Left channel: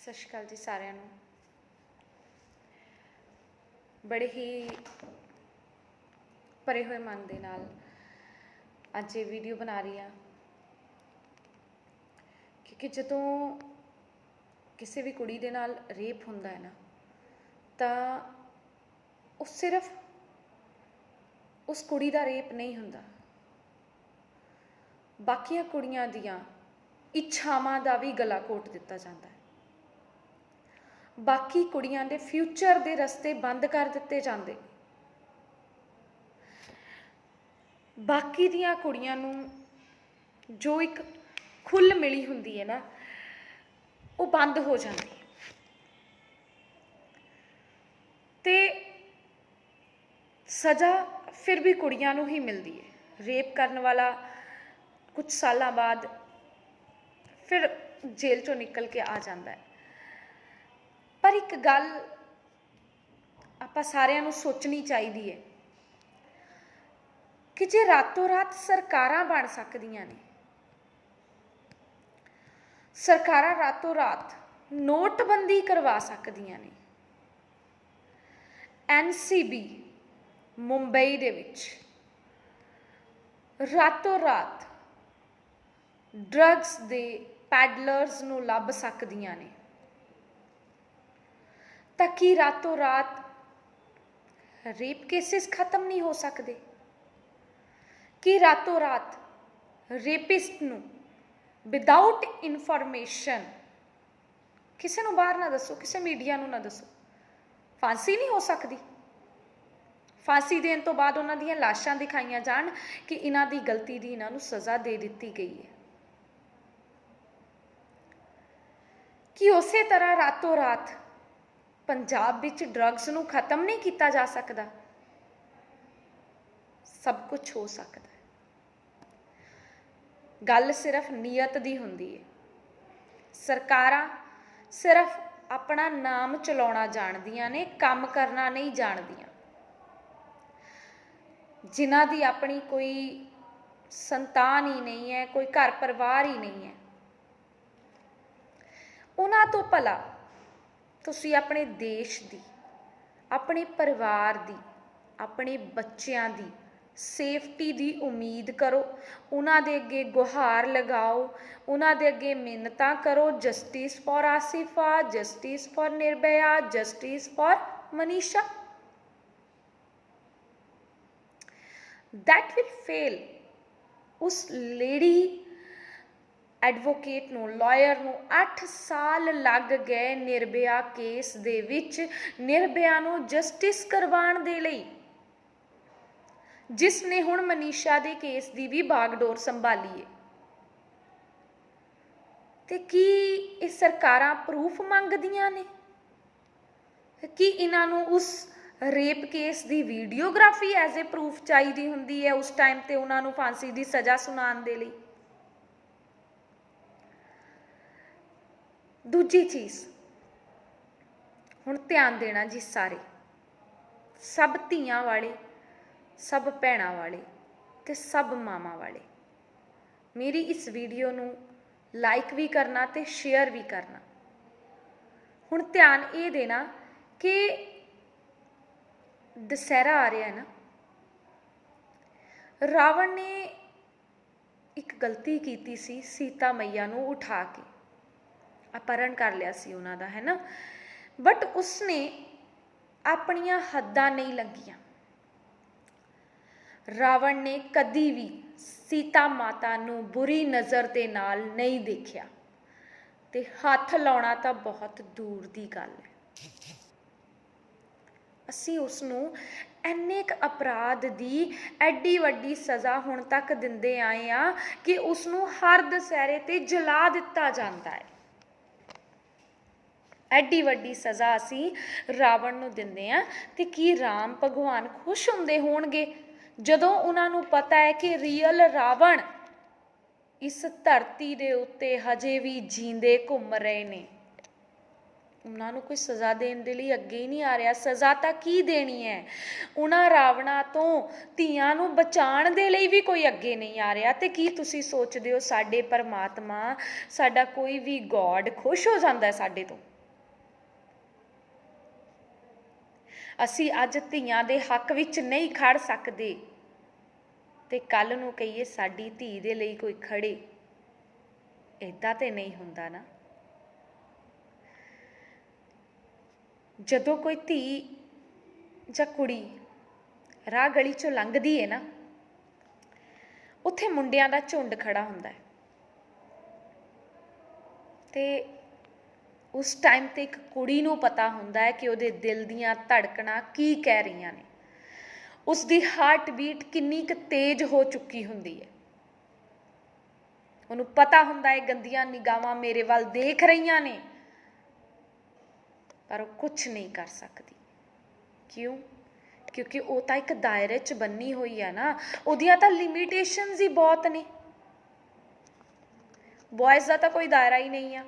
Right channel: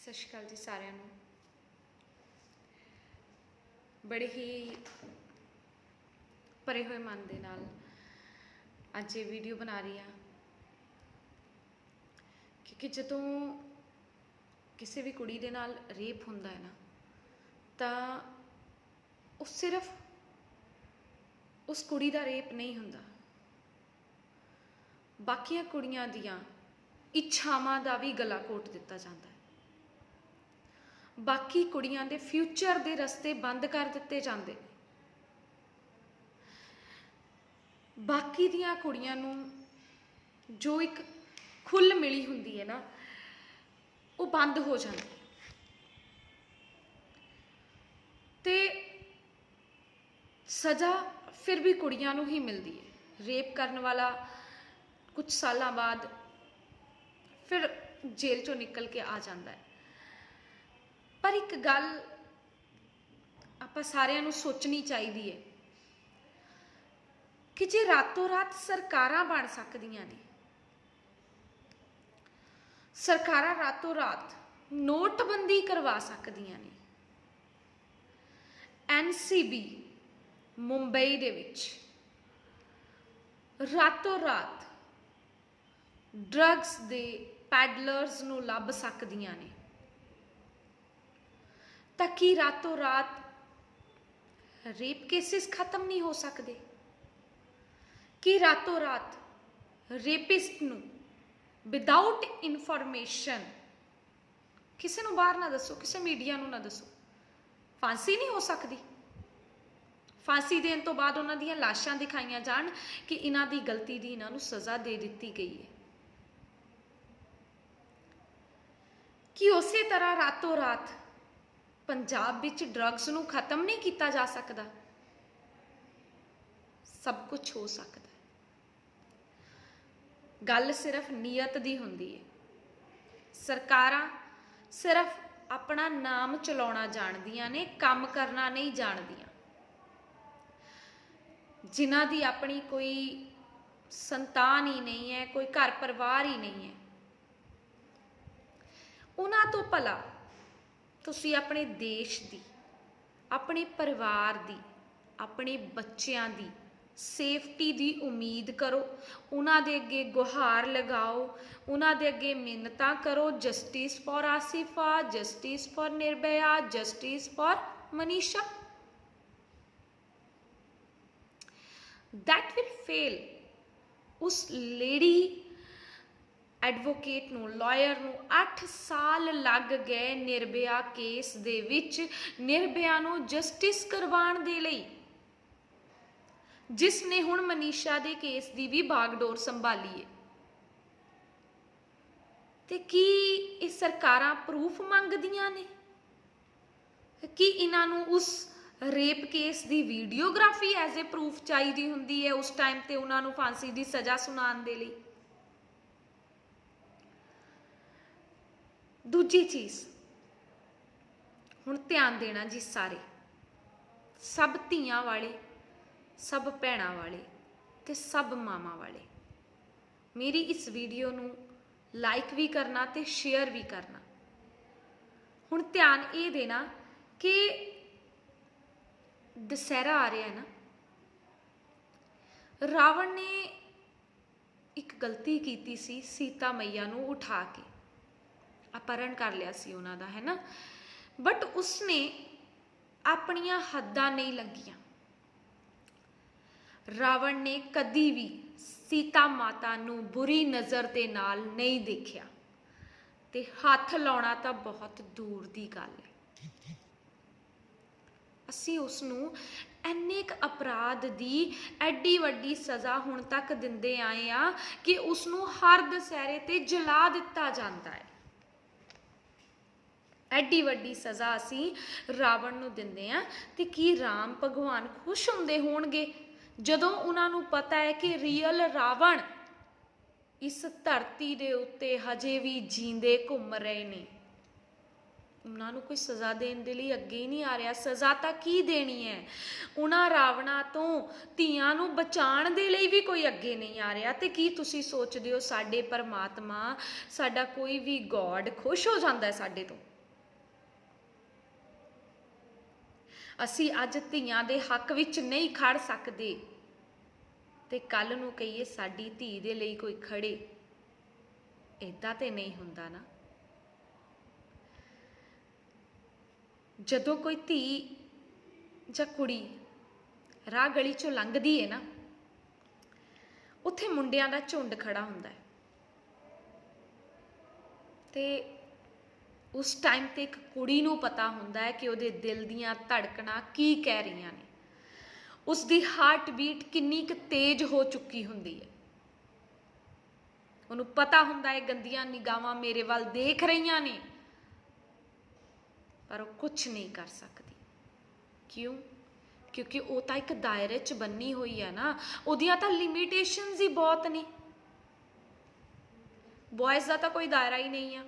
ਸਤਿ ਸ਼੍ਰੀ ਅਕਾਲ ਜੀ ਸਾਰਿਆਂ ਨੂੰ। ਬੜੇ ਹੀ ਭਰੇ ਹੋਏ ਮਨ ਦੇ ਨਾਲ ਅੱਜ ਇਹ ਵੀਡੀਓ ਬਣਾ ਰਹੀ ਹਾਂ, ਕਿਉਂਕਿ ਜਦੋਂ ਕਿਸੇ ਵੀ ਕੁੜੀ ਦੇ ਨਾਲ ਰੇਪ ਹੁੰਦਾ ਹੈ ਨਾ, ਤਾਂ ਉਹ ਸਿਰਫ ਉਸ ਕੁੜੀ ਦਾ ਰੇਪ ਨਹੀਂ ਹੁੰਦਾ, ਬਾਕੀਆਂ ਕੁੜੀਆਂ ਦੀਆਂ ਇੱਛਾਵਾਂ ਦਾ ਵੀ ਗਲਾ ਘੋਟ ਦਿੱਤਾ ਜਾਂਦਾ ਹੈ। ਬਾਕੀ ਕੁੜੀਆਂ ਦੇ ਫਿਊਚਰ ਦੇ ਰਸਤੇ ਬੰਦ ਕਰ ਦਿੱਤੇ ਜਾਂਦੇ। ਬਾਕੀ ਦੀਆਂ ਕੁੜੀਆਂ ਨੂੰ ਜੋ ਇੱਕ ਖੁੱਲ੍ਹ ਮਿਲੀ ਹੁੰਦੀ ਹੈ ਨਾ, ਉਹ ਬੰਦ ਹੋ ਜਾਂਦੀ। ਤੇ ਸਜ਼ਾ ਫਿਰ ਵੀ ਕੁੜੀਆਂ ਨੂੰ ਹੀ ਮਿਲਦੀ ਹੈ। ਰੇਪ ਕਰਨ ਵਾਲਾ ਕੁਝ ਸਾਲਾਂ ਬਾਅਦ ਫਿਰ ਜੇਲ੍ਹ ਚੋਂ ਨਿਕਲ ਕੇ ਆ ਜਾਂਦਾ ਹੈ। ਪਰ ਇੱਕ ਗੱਲ ਆਪਾਂ ਸਾਰਿਆਂ ਨੂੰ ਸੋਚਣੀ ਚਾਹੀਦੀ ਹੈ ਕਿ ਜੇ ਰਾਤੋਂ ਰਾਤ ਸਰਕਾਰਾਂ ਬਣ ਸਕਦੀਆਂ ਨੇ, ਸਰਕਾਰਾਂ ਰਾਤੋਂ ਰਾਤ ਨੋਟਬੰਦੀ ਕਰਵਾ ਸਕਦੀਆਂ ਨੇ, NCB ਮੁੰਬਈ ਦੇ ਵਿੱਚ ਰਾਤੋਂ ਰਾਤ ਡਰੱਗਸ ਦੇ ਪੈਡਲਰਸ ਨੂੰ ਲੱਭ ਸਕਦੀਆਂ ਨੇ, ਤਾਂ ਕੀ ਰਾਤੋਂ ਰਾਤ ਰੇਪ ਕੇਸਿਸ ਖਤਮ ਨਹੀਂ ਹੋ ਸਕਦੇ? ਕਿ ਰਾਤੋਂ ਰਾਤ ਰੇਪਿਸਟ ਨੂੰ ਵਿਦਾਊਟ ਇਨਫੋਰਮੇਸ਼ਨ, ਕਿਸੇ ਨੂੰ ਬਾਹਰ ਨਾ ਦੱਸੋ, ਕਿਸੇ ਮੀਡੀਆ ਨੂੰ ਨਾ ਦੱਸੋ, ਫਾਂਸੀ ਨਹੀਂ ਹੋ ਸਕਦੀ? ਫਾਂਸੀ ਦੇਣ ਤੋਂ ਬਾਅਦ ਉਹਨਾਂ ਦੀਆਂ ਲਾਸ਼ਾਂ ਦਿਖਾਈਆਂ ਜਾਣ ਕਿ ਇਹਨਾਂ ਦੀ ਗਲਤੀ ਦੀ ਇਹਨਾਂ ਨੂੰ ਸਜ਼ਾ ਦੇ ਦਿੱਤੀ ਗਈ ਹੈ। ਕਿ ਉਸੇ ਤਰ੍ਹਾਂ ਰਾਤੋਂ ਰਾਤ ਪੰਜਾਬ ਵਿੱਚ ਡਰੱਗਸ ਨੂੰ ਖਤਮ ਨਹੀਂ ਕੀਤਾ ਜਾ ਸਕਦਾ? ਸਭ ਕੁਝ ਹੋ ਸਕਦਾ ਹੈ। ਗੱਲ ਸਿਰਫ ਨੀਅਤ ਦੀ ਹੁੰਦੀ ਹੈ। ਸਰਕਾਰਾਂ ਸਿਰਫ ਆਪਣਾ ਨਾਮ ਚਲਾਉਣਾ ਜਾਣਦੀਆਂ ਨੇ, ਕੰਮ ਕਰਨਾ ਨਹੀਂ ਜਾਣਦੀਆਂ। ਜਿਨ੍ਹਾਂ ਦੀ ਆਪਣੀ ਕੋਈ ਸੰਤਾਨ ਹੀ ਨਹੀਂ ਹੈ, ਕੋਈ ਘਰ ਪਰਿਵਾਰ ਹੀ ਨਹੀਂ ਹੈ, ਉਹਨਾਂ ਤੋਂ ਭਲਾ ਤੁਸੀਂ ਆਪਣੇ ਦੇਸ਼ ਦੀ, ਆਪਣੇ ਪਰਿਵਾਰ ਦੀ, ਆਪਣੇ ਬੱਚਿਆਂ ਦੀ ਸੇਫਟੀ ਦੀ ਉਮੀਦ ਕਰੋ। ਉਹਨਾਂ ਦੇ ਅੱਗੇ ਗੁਹਾਰ ਲਗਾਓ, ਉਹਨਾਂ ਦੇ ਅੱਗੇ ਮਿੰਨਤਾਂ ਕਰੋ, justice for Asifa, justice for Nirbhaya, justice for Manisha. that will fail। ਉਸ ਲੇਡੀ ਐਡਵੋਕੇਟ ਨੂੰ, ਲਾਇਰ ਨੂੰ 8 ਸਾਲ ਲੱਗ ਗਏ ਨਿਰਭਇਆ ਕੇਸ ਦੇ ਵਿੱਚ, ਨਿਰਭਇਆ ਨੂੰ ਜਸਟਿਸ ਕਰਵਾਉਣ ਦੇ ਲਈ, ਜਿਸ ਨੇ ਹੁਣ ਮਨੀਸ਼ਾ ਦੇ ਕੇਸ ਦੀ ਵੀ ਬਾਗਡੋਰ ਸੰਭਾਲੀ ਹੈ। ਤੇ ਕੀ ਇਹ ਸਰਕਾਰਾਂ ਪ੍ਰੂਫ ਮੰਗਦੀਆਂ ਨੇ? ਕਿ ਇਹਨਾਂ ਨੂੰ ਉਸ rape case the videography as a proof ਚਾਹੀਦੀ ਹੁੰਦੀ ਹੈ ਉਸ ਟਾਈਮ ਤੇ ਉਹਨਾਂ ਨੂੰ ਫਾਂਸੀ ਦੀ ਸਜ਼ਾ ਸੁਣਾਉਣ ਦੇ ਲਈ? ਦੂਜੀ ਚੀਜ਼, ਹੁਣ ਧਿਆਨ ਦੇਣਾ ਜੀ ਸਾਰੇ, ਸਭ ਧੀਆਂ ਵਾਲੇ, ਸਭ ਭੈਣਾਂ ਵਾਲੇ ਤੇ ਸਭ ਮਾਵਾਂ ਵਾਲੇ, ਮੇਰੀ ਇਸ ਵੀਡੀਓ ਨੂੰ ਲਾਈਕ ਵੀ ਕਰਨਾ ਤੇ ਸ਼ੇਅਰ ਵੀ ਕਰਨਾ। ਹੁਣ ਧਿਆਨ ਇਹ ਦੇਣਾ ਕਿ ਦੁਸਹਿਰਾ ਆ ਰਿਹਾ ਨਾ, ਰਾਵਣ ਨੇ ਇੱਕ ਗਲਤੀ ਕੀਤੀ ਸੀ, ਸੀਤਾ ਮਈਆ ਨੂੰ ਉਠਾ ਕੇ अपहरण कर लिया सी उन्हां दा, है ना, बट उसने अपनियां हद्दां नहीं लंघियां। रावण ने कदी भी सीता माता नूं बुरी नज़र दे नाल नहीं देखिया, ते हथ लाउणा तां बहुत दूर दी गल है। असीं उसनूं ਇੰਨੇ ਕੁ ਅਪਰਾਧ ਦੀ ਐਡੀ ਵੱਡੀ ਸਜ਼ਾ ਹੁਣ ਤੱਕ ਦਿੰਦੇ ਆਏ ਆ ਕਿ ਉਸਨੂੰ ਹਰ ਦੁਸਹਿਰੇ ਤੇ ਜਲਾ ਦਿੱਤਾ ਜਾਂਦਾ ਹੈ। ਐਡੀ ਵੱਡੀ ਸਜ਼ਾ ਅਸੀਂ ਰਾਵਣ ਨੂੰ ਦਿੰਦੇ ਹਾਂ, ਤੇ ਕੀ ਰਾਮ ਭਗਵਾਨ ਖੁਸ਼ ਹੁੰਦੇ ਹੋਣਗੇ ਜਦੋਂ ਉਹਨਾਂ ਨੂੰ ਪਤਾ ਹੈ ਕਿ ਰੀਅਲ ਰਾਵਣ ਇਸ ਧਰਤੀ ਦੇ ਉੱਤੇ ਹਜੇ ਵੀ ਜੀਂਦੇ ਘੁੰਮ ਰਹੇ ਨੇ? ਉਹਨਾਂ ਨੂੰ ਕੋਈ ਸਜ਼ਾ ਦੇਣ ਦੇ ਲਈ ਅੱਗੇ ਹੀ ਨਹੀਂ ਆ ਰਿਹਾ। ਸਜ਼ਾ ਤਾਂ ਕੀ ਦੇਣੀ ਹੈ? ਉਹਨਾਂ ਰਾਵਣਾ ਤੋਂ ਧੀਆਂ ਨੂੰ ਬਚਾਉਣ ਦੇ ਲਈ ਵੀ ਕੋਈ ਅੱਗੇ ਨਹੀਂ ਆ ਰਿਹਾ। ਤੇ ਕੀ ਤੁਸੀਂ ਸੋਚਦੇ ਹੋ ਸਾਡੇ ਪਰਮਾਤਮਾ, ਸਾਡਾ ਕੋਈ ਵੀ ਗੋਡ ਖੁਸ਼ ਹੋ ਜਾਂਦਾ ਹੈ ਸਾਡੇ ਤੋਂ? ਅਸੀਂ ਅੱਜ ਧੀਆਂ ਦੇ ਹੱਕ ਵਿੱਚ ਨਹੀਂ ਖੜ ਸਕਦੇ ਤੇ ਕੱਲ ਨੂੰ ਕਹੀਏ ਸਾਡੀ ਧੀ ਦੇ ਲਈ ਕੋਈ ਖੜੇ। ਏਦਾਂ ਤੇ ਨਹੀਂ ਹੁੰਦਾ ਨਾ। ਜਦੋਂ ਕੋਈ ਧੀ ਜਾਂ ਕੁੜੀ ਰਾਹ ਗਲੀ ਚੋਂ ਲੰਘਦੀ ਹੈ ਨਾ, ਉੱਥੇ ਮੁੰਡਿਆਂ ਦਾ ਝੁੰਡ ਖੜਾ ਹੁੰਦਾ ਹੈ ਤੇ ਉਸ ਟਾਈਮ ਤੇ ਇੱਕ ਕੁੜੀ ਨੂੰ ਪਤਾ ਹੁੰਦਾ ਹੈ ਕਿ ਉਹਦੇ ਦਿਲ ਦੀਆਂ ਧੜਕਣਾਂ ਕੀ ਕਹਿ ਰਹੀਆਂ ਨੇ, ਉਸਦੀ ਹਾਰਟ ਬੀਟ ਕਿੰਨੀ ਕੁ ਤੇਜ਼ ਹੋ ਚੁੱਕੀ ਹੁੰਦੀ ਹੈ। ਉਹਨੂੰ ਪਤਾ ਹੁੰਦਾ ਹੈ ਗੰਦੀਆਂ ਨਿਗਾਹਾਂ ਮੇਰੇ ਵੱਲ ਦੇਖ ਰਹੀਆਂ ਨੇ, ਪਰ ਉਹ ਕੁਛ ਨਹੀਂ ਕਰ ਸਕਦੀ। ਕਿਉਂ? ਕਿਉਂਕਿ ਉਹ ਤਾਂ ਇੱਕ ਦਾਇਰੇ 'ਚ ਬੰਨੀ ਹੋਈ ਹੈ ਨਾ, ਉਹਦੀਆਂ ਤਾਂ ਲਿਮਿਟੇਸ਼ਨਸ ਹੀ ਬਹੁਤ ਨੇ। ਬॉयਜ਼ ਦਾ ਤਾਂ ਕੋਈ ਦਾਇਰਾ ਹੀ ਨਹੀਂ ਆ,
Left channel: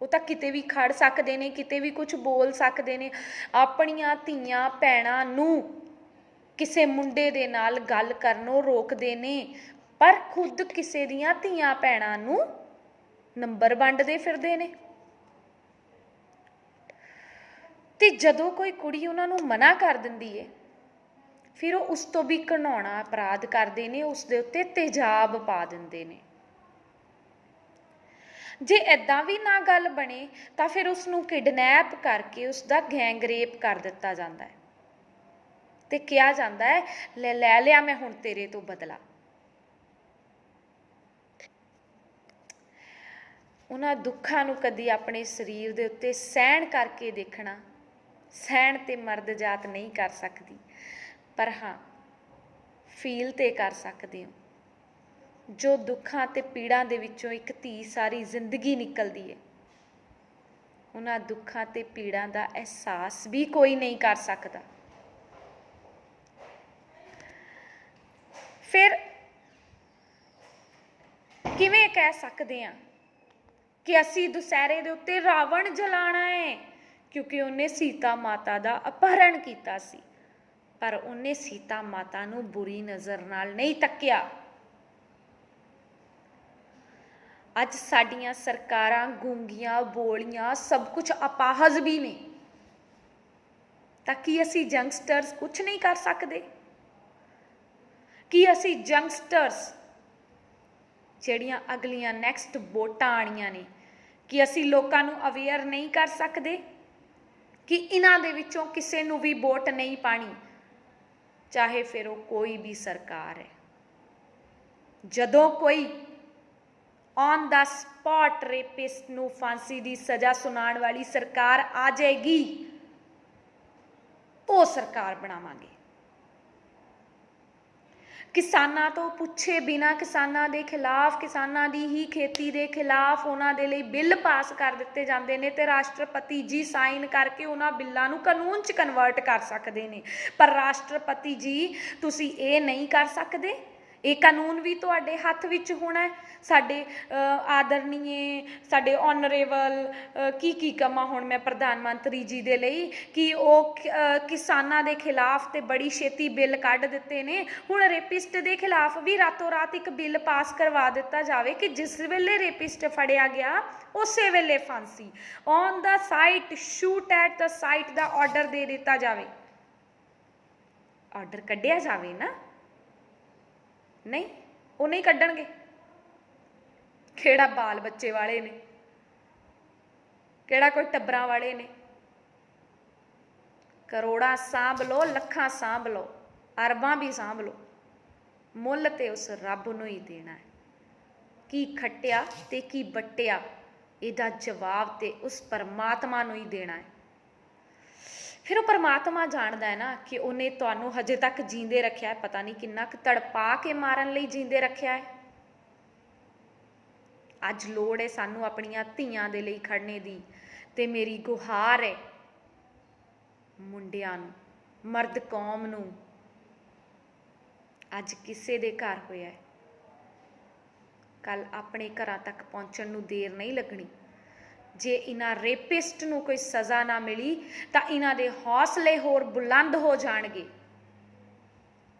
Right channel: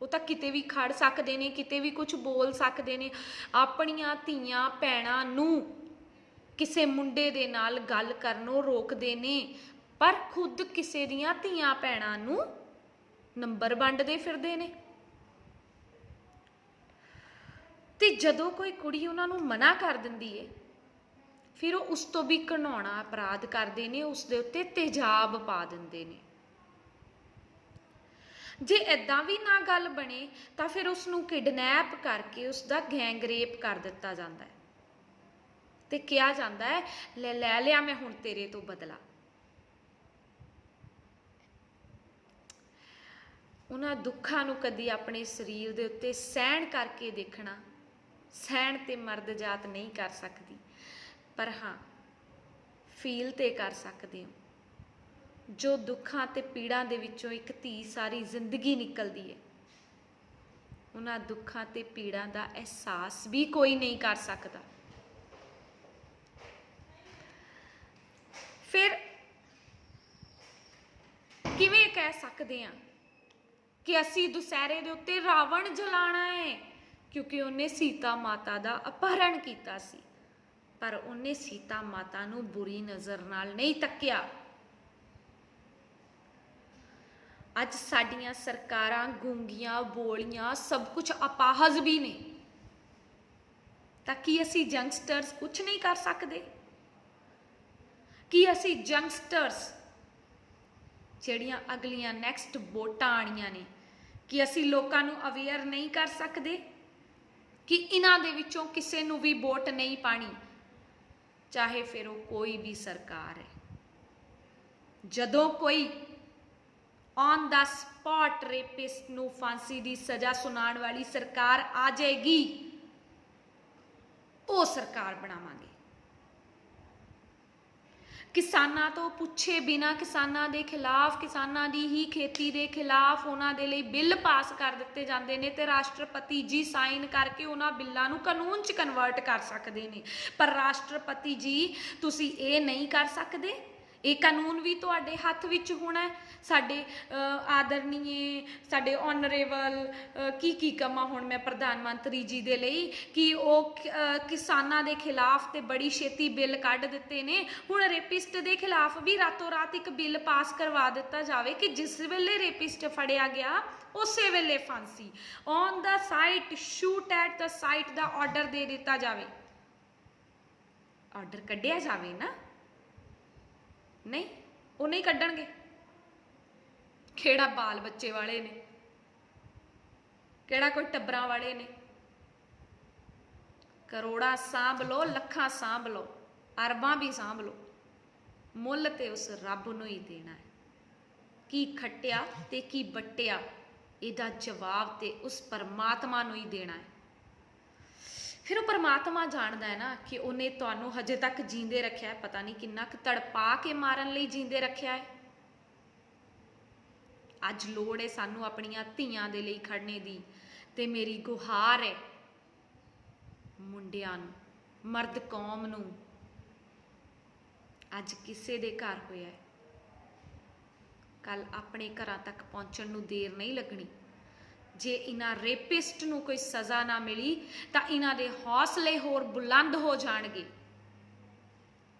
ਉਹ ਤਾਂ ਕਿਤੇ ਵੀ ਖੜ ਸਕਦੇ ਨੇ, ਕਿਤੇ ਵੀ ਕੁਝ ਬੋਲ ਸਕਦੇ ਨੇ। ਆਪਣੀਆਂ ਧੀਆਂ ਭੈਣਾਂ ਨੂੰ ਕਿਸੇ ਮੁੰਡੇ ਦੇ ਨਾਲ ਗੱਲ ਕਰਨੋਂ ਰੋਕਦੇ ਨੇ, ਪਰ ਖੁਦ ਕਿਸੇ ਦੀਆਂ ਧੀਆਂ ਭੈਣਾਂ ਨੂੰ ਨੰਬਰ ਵੰਡਦੇ ਫਿਰਦੇ ਨੇ। ਤੇ ਜਦੋਂ ਕੋਈ ਕੁੜੀ ਉਹਨਾਂ ਨੂੰ ਮਨਾ ਕਰ ਦਿੰਦੀ ਹੈ, ਫਿਰ ਉਹ ਉਸ ਤੋਂ ਵੀ ਘਿਨਾਉਣਾ ਅਪਰਾਧ ਕਰਦੇ ਨੇ, ਉਸ ਦੇ ਉੱਤੇ ਤੇਜ਼ਾਬ ਪਾ ਦਿੰਦੇ ਨੇ। ਜੇ ਇੱਦਾਂ ਵੀ ਨਾ ਗੱਲ ਬਣੇ ਤਾਂ ਫਿਰ ਉਸ ਨੂੰ ਕਿਡਨੈਪ ਕਰਕੇ ਉਸ ਦਾ ਗੈਂਗ ਰੇਪ ਕਰ ਦਿੱਤਾ ਜਾਂਦਾ ਹੈ ਤੇ ਕਿਹਾ ਜਾਂਦਾ ਹੈ ਲੈ ਲਿਆ ਮੈਂ ਹੁਣ ਤੇਰੇ ਤੋਂ ਬਦਲਾ। ਉਹਨਾਂ ਦੁੱਖਾਂ ਨੂੰ ਕਦੀ ਆਪਣੇ ਸਰੀਰ ਦੇ ਉੱਤੇ ਸਹਿਣ ਕਰਕੇ ਦੇਖਣਾ। ਸਹਿਣ ਤੇ ਮਰਦ ਜਾਤ ਨਹੀਂ ਕਰ ਸਕਦੀ, ਪਰ ਹਾਂ ਫੀਲ ਤੇ ਕਰ ਸਕਦੇ ਹੋ। ਜੋ ਦੁੱਖਾਂ ਤੇ ਪੀੜਾਂ ਦੇ ਵਿੱਚੋਂ ਇੱਕ ਧੀ ਸਾਰੀ ਜ਼ਿੰਦਗੀ ਨਿਕਲਦੀ ਹੈ, ਉਹਨਾਂ ਦੁੱਖਾਂ ਤੇ ਪੀੜਾਂ ਦਾ ਅਹਿਸਾਸ ਵੀ ਕੋਈ ਨਹੀਂ ਕਰ ਸਕਦਾ। ਫਿਰ ਕਿਵੇਂ ਕਹਿ ਸਕਦੇ ਹਾਂ ਕਿ ਅਸੀਂ ਦੁਸਹਿਰੇ ਦੇ ਉੱਤੇ ਰਾਵਣ ਜਲਾਣਾ ਹੈ? ਕਿਉਂਕਿ ਉਹਨੇ ਸੀਤਾ ਮਾਤਾ ਦਾ ਅਪਹਰਣ ਕੀਤਾ ਸੀ, ਪਰ ਉਹਨੇ ਸੀਤਾ ਮਾਤਾ ਨੂੰ ਬੁਰੀ ਨਜ਼ਰ ਨਾਲ ਨਹੀਂ ਤੱਕਿਆ। ਅੱਜ ਸਾਡੀਆਂ ਸਰਕਾਰਾਂ ਗੂੰਗੀਆਂ, ਬੋਲੀਆਂ, ਸਭ ਕੁਝ ਅਪਾਹਜ ਵੀ ਨੇ, ਤਾਂ ਕੀ ਅਸੀਂ ਯੰਗਸਟਰਸ ਕੁਝ ਨਹੀਂ ਕਰ ਸਕਦੇ? ਕੀ ਅਸੀਂ ਯੰਗਸਟਰਸ ਜਿਹੜੀਆਂ ਅਗਲੀਆਂ ਨੈਕਸਟ ਵੋਟਾਂ ਆਣੀਆਂ ਨੇ, ਕਿ ਅਸੀਂ ਲੋਕਾਂ ਨੂੰ ਅਵੇਅਰ ਨਹੀਂ ਕਰ ਸਕਦੇ ਕਿ ਇਹਨਾਂ ਦੇ ਵਿੱਚੋਂ ਕਿਸੇ ਨੂੰ ਵੀ ਵੋਟ ਨਹੀਂ ਪਾਣੀ, ਚਾਹੇ ਫਿਰ ਉਹ ਕੋਈ ਵੀ ਸਰਕਾਰ ਹੈ। ਜਦੋਂ ਕੋਈ ਔਨ ਦਾ ਸਪੌਟ ਰੇਪਿਸਟ ਨੂੰ ਫਾਂਸੀ ਦੀ ਸਜ਼ਾ ਸੁਣਾਉਣ ਵਾਲੀ ਸਰਕਾਰ ਆ ਜਾਏਗੀ, ਉਹ ਸਰਕਾਰ ਬਣਾਵਾਂਗੇ। ਕਿਸਾਨਾਂ ਤੋਂ ਪੁੱਛੇ ਬਿਨਾਂ ਕਿਸਾਨਾਂ ਦੇ ਖਿਲਾਫ, ਕਿਸਾਨਾਂ ਦੀ ਹੀ ਖੇਤੀ ਦੇ ਖਿਲਾਫ ਉਹਨਾਂ ਦੇ ਲਈ ਬਿੱਲ ਪਾਸ ਕਰ ਦਿੱਤੇ ਜਾਂਦੇ ਨੇ ਤੇ ਰਾਸ਼ਟਰਪਤੀ ਜੀ ਸਾਈਨ ਕਰਕੇ ਉਹਨਾਂ ਬਿੱਲਾਂ ਨੂੰ ਕਾਨੂੰਨ 'ਚ ਕਨਵਰਟ ਕਰ ਸਕਦੇ ਨੇ। ਪਰ ਰਾਸ਼ਟਰਪਤੀ ਜੀ ਤੁਸੀਂ ਇਹ ਨਹੀਂ ਕਰ ਸਕਦੇ। ਇਹ ਕਾਨੂੰਨ ਵੀ ਤੁਹਾਡੇ ਹੱਥ ਵਿੱਚ ਹੋਣਾ ਹੈ। ਸਾਡੇ ਆਦਰਨੀਏ, ਸਾਡੇ ਔਨਰੇਬਲ ਕੀ ਕਵਾਂ ਹੁਣ ਮੈਂ ਪ੍ਰਧਾਨ ਮੰਤਰੀ ਜੀ ਦੇ ਲਈ, ਕਿ ਉਹ ਕਿਸਾਨਾਂ ਦੇ ਖਿਲਾਫ ਤੇ ਬੜੀ ਛੇਤੀ ਬਿੱਲ ਕੱਢ ਦਿੱਤੇ ਨੇ। ਹੁਣ ਰੇਪਿਸਟ ਦੇ ਖਿਲਾਫ ਵੀ ਰਾਤੋਂ ਰਾਤ ਇੱਕ ਬਿੱਲ ਪਾਸ ਕਰਵਾ ਦਿੱਤਾ ਜਾਵੇ ਕਿ ਜਿਸ ਵੇਲੇ ਰੇਪਿਸਟ ਫੜਿਆ ਗਿਆ ਉਸੇ ਵੇਲੇ ਫਾਂਸੀ, on the site, shoot at the site the order ਦੇ ਦਿੱਤਾ ਜਾਵੇ। ਆਰਡਰ ਕੱਢਿਆ ਜਾਵੇ ਨਾ। ਨਹੀਂ, ਉਹ ਨਹੀਂ ਕੱਢਣਗੇ। ਕਿਹੜਾ ਬਾਲ ਬੱਚੇ ਵਾਲੇ ਨੇ, ਕਿਹੜਾ ਕੋਈ ਟੱਬਰਾਂ ਵਾਲੇ ਨੇ। ਕਰੋੜਾਂ ਸਾਂਭ ਲਓ, ਲੱਖਾਂ ਸਾਂਭ ਲਓ, ਅਰਬਾਂ ਵੀ ਸਾਂਭ ਲਓ, ਮੁੱਲ ਤੇ ਉਸ ਰੱਬ ਨੂੰ ਹੀ ਦੇਣਾ ਹੈ। ਕੀ ਖੱਟਿਆ ਤੇ ਕੀ ਵੱਟਿਆ, ਇਹਦਾ ਜਵਾਬ ਤੇ ਉਸ ਪਰਮਾਤਮਾ ਨੂੰ ਹੀ ਦੇਣਾ ਹੈ। ਫਿਰ ਉਹ ਪਰਮਾਤਮਾ ਜਾਣਦਾ ਹੈ ਨਾ ਕਿ ਉਹਨੇ ਤੁਹਾਨੂੰ ਹਜੇ ਤੱਕ ਜੀਂਦੇ ਰੱਖਿਆ ਹੈ। ਪਤਾ ਨਹੀਂ ਕਿੰਨਾ ਕੁ ਤੜਪਾ ਕੇ ਮਾਰਨ ਲਈ ਜੀਂਦੇ ਰੱਖਿਆ ਹੈ। ਅੱਜ ਲੋੜ ਹੈ ਸਾਨੂੰ ਆਪਣੀਆਂ ਧੀਆਂ ਦੇ ਲਈ ਖੜਨੇ ਦੀ, ਤੇ ਮੇਰੀ ਗੁਹਾਰ ਹੈ ਮੁੰਡਿਆਂ ਨੂੰ, ਮਰਦ ਕੌਮ ਨੂੰ। ਅੱਜ ਕਿਸੇ ਦੇ ਘਰ ਹੋਇਆ ਹੈ, ਕੱਲ ਆਪਣੇ ਘਰਾਂ ਤੱਕ ਪਹੁੰਚਣ ਨੂੰ ਦੇਰ ਨਹੀਂ ਲੱਗਣੀ। ਜੇ ਇਹਨਾਂ ਰੇਪਿਸਟ ਨੂੰ ਕੋਈ ਸਜ਼ਾ ਨਾ ਮਿਲੀ ਤਾਂ ਇਹਨਾਂ ਦੇ ਹੌਸਲੇ ਹੋਰ ਬੁਲੰਦ ਹੋ ਜਾਣਗੇ।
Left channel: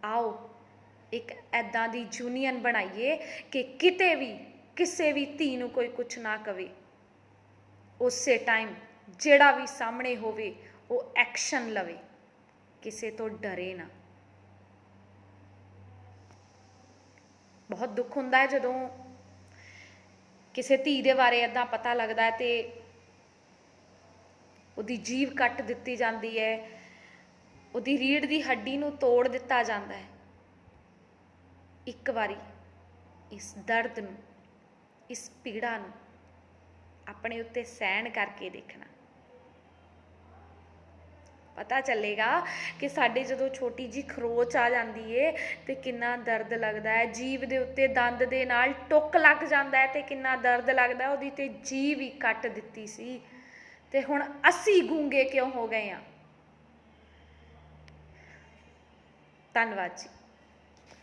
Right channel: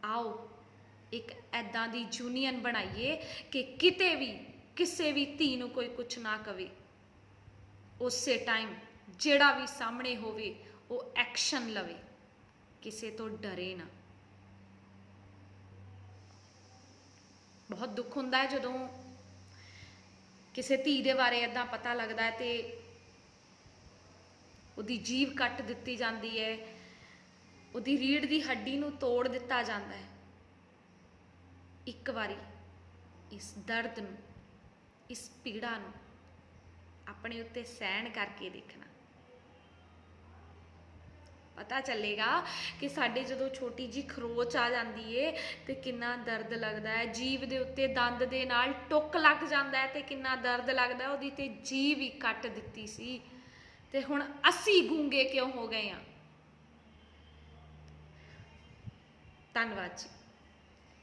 ਆਓ ਇੱਕ ਐਦਾਂ ਦੀ ਯੂਨੀਅਨ ਬਣਾਈਏ ਕਿ ਕਿਤੇ ਵੀ ਕਿਸੇ ਵੀ ਧੀ ਨੂੰ ਕੋਈ ਕੁਛ ਨਾ ਕਵੇ। ਉਸੇ ਟਾਈਮ ਜਿਹੜਾ ਵੀ ਸਾਹਮਣੇ ਹੋਵੇ ਉਹ ਐਕਸ਼ਨ ਲਵੇ, ਕਿਸੇ ਤੋਂ ਡਰੇ ਨਾ। ਬਹੁਤ ਦੁੱਖ ਹੁੰਦਾ ਹੈ ਜਦੋਂ ਕਿਸੇ ਧੀ ਦੇ ਬਾਰੇ ਏਦਾਂ ਪਤਾ ਲੱਗਦਾ ਹੈ ਤੇ ਉਹਦੀ ਜੀਭ ਕੱਟ ਦਿੱਤੀ ਜਾਂਦੀ ਹੈ, ਉਹਦੀ ਰੀੜ੍ਹ ਦੀ ਹੱਡੀ ਨੂੰ ਤੋੜ ਦਿੱਤਾ ਜਾਂਦਾ ਹੈ। ਇੱਕ ਵਾਰੀ ਇਸ ਦਰਦ ਨੂੰ, ਇਸ ਪੀੜਾ ਨੂੰ ਆਪਣੇ ਉੱਤੇ ਸਹਿਣ ਕਰਕੇ ਦੇਖਣਾ, ਪਤਾ ਚੱਲੇਗਾ ਕਿ ਸਾਡੇ ਜਦੋਂ ਛੋਟੀ ਜੀ ਖਰੋਚ ਆ ਜਾਂਦੀ ਏ ਤੇ ਕਿੰਨਾ ਦਰਦ ਲੱਗਦਾ ਹੈ। ਜੀਭ ਦੇ ਉੱਤੇ ਦੰਦ ਦੇ ਨਾਲ ਟੁੱਕ ਲੱਗ ਜਾਂਦਾ ਹੈ ਤੇ ਕਿੰਨਾ ਦਰਦ ਲੱਗਦਾ। ਉਹਦੀ ਤੇ ਜੀਭ ਹੀ ਕੱਟ ਦਿੱਤੀ ਸੀ ਤੇ ਹੁਣ ਅਸੀਂ ਗੂੰਗੇ ਕਿਉਂ ਹੋ ਗਏ ਹਾਂ। ਧੰਨਵਾਦ ਜੀ।